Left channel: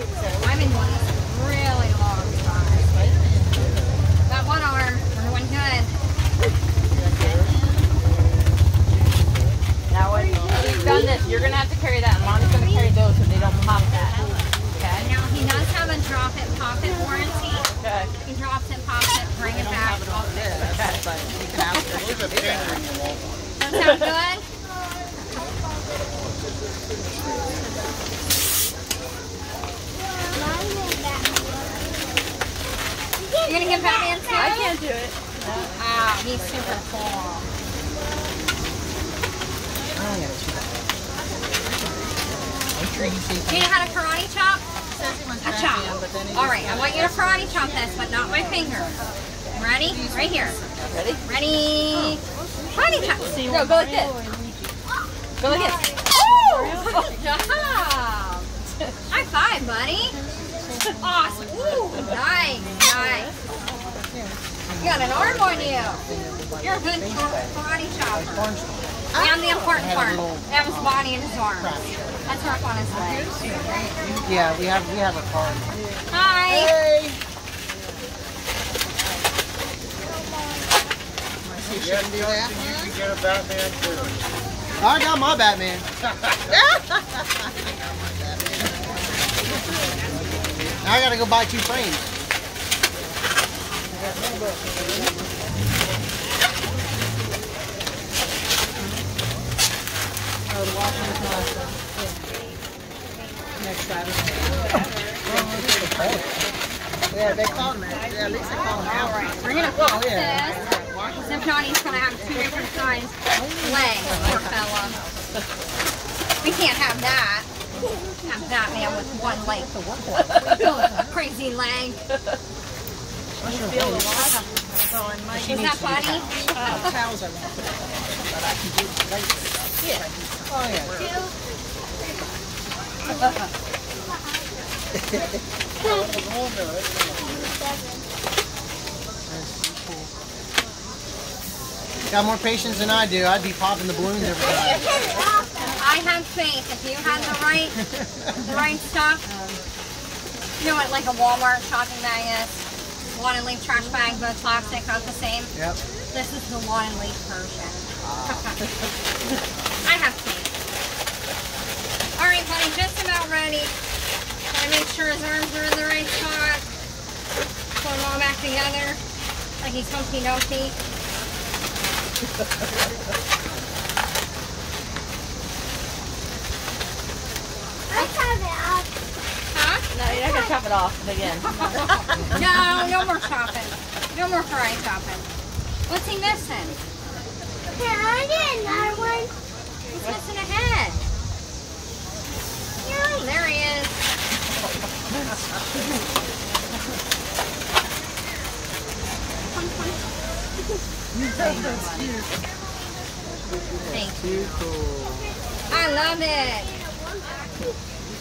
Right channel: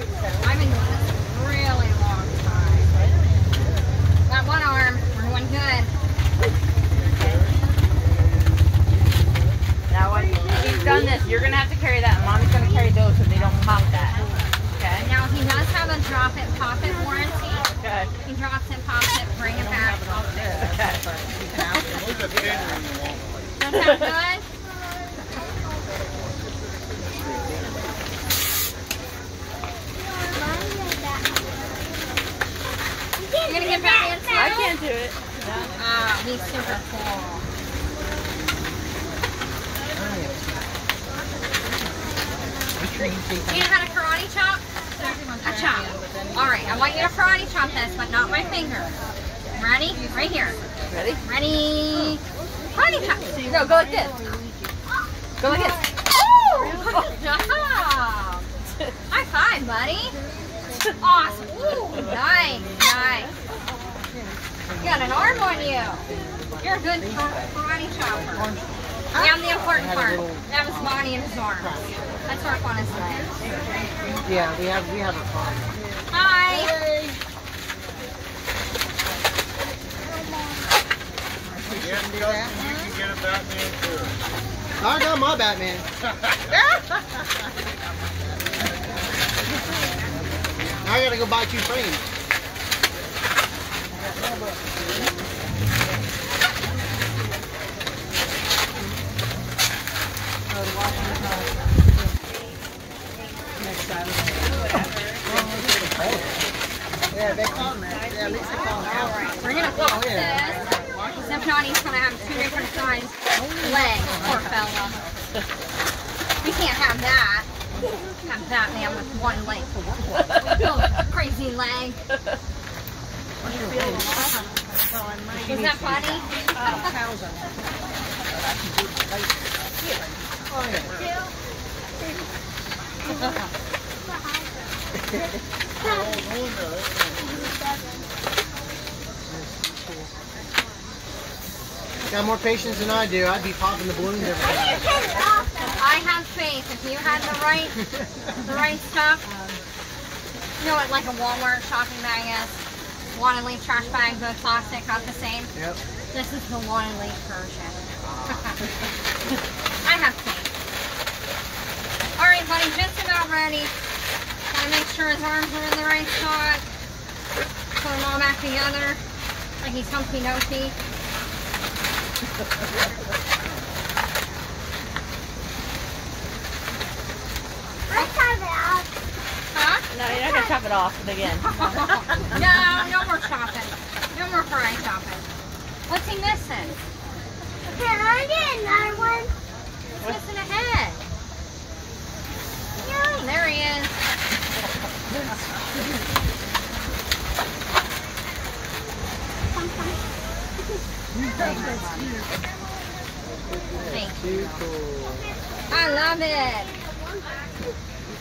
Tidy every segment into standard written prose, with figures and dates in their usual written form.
I've been doing this a really long time. That one arm, we're doing good. Now when he's done this, you're going to have to carry that. And Mommy's going to carry those so they don't pop that. Okay? Now he does have a drop it, pop it warranty. Okay. He drops it, pops it, bring it back, I'll fix it. Okay. Does that sound good? You gonna get Batman too? I can't do it. Ah, he's super cool. You know how to karate chop? A chop. Alright, I want you to karate chop this, but not my finger. Ready? Right here. Ready? Ready? Karate chop. No, go like this. Go like this. Oh! Good job! High five, buddy. Awesome. Ooh, nice, nice. You got an arm on you. You're a good karate chopper. And the important part, that was body and his arms. Let's work on his legs. Yeah, we have a car. Hi. Hey. You can get a Batman too. I got my Batman. Now I gotta go buy 2 frames. Yeah, they call them that. Yeah, at least they call them that. We're going to flip this. Because if not, he's going to have 2 different kinds legs, poor fella. We can't have that. Have Batman with 1 leg. Crazy leg. Was that funny? Got more patience than I do. I'd be popping the balloons every day. I have faith. If you had the right stuff, you know what, like a Walmart shopping bag is. Want and leave trash bag, both plastic, not the same. Yep. This is the want and leave version. I have faith. All right, buddy, just about ready. Gotta make sure his arms are in the right spot. Put them all back together, like he's Humpty Dumpty. Huh? No, you're not going to chop it off again. No more chopping. No more fry chopping. What's he missing? Can I get another one? He's missing a head. Yeah, there he is. Thank you. I love it.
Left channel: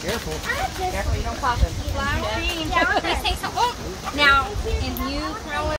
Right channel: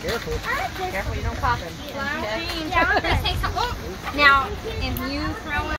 Careful. Careful, you don't pop him. Flower cream. Please take some. Oh, now, if you throw it.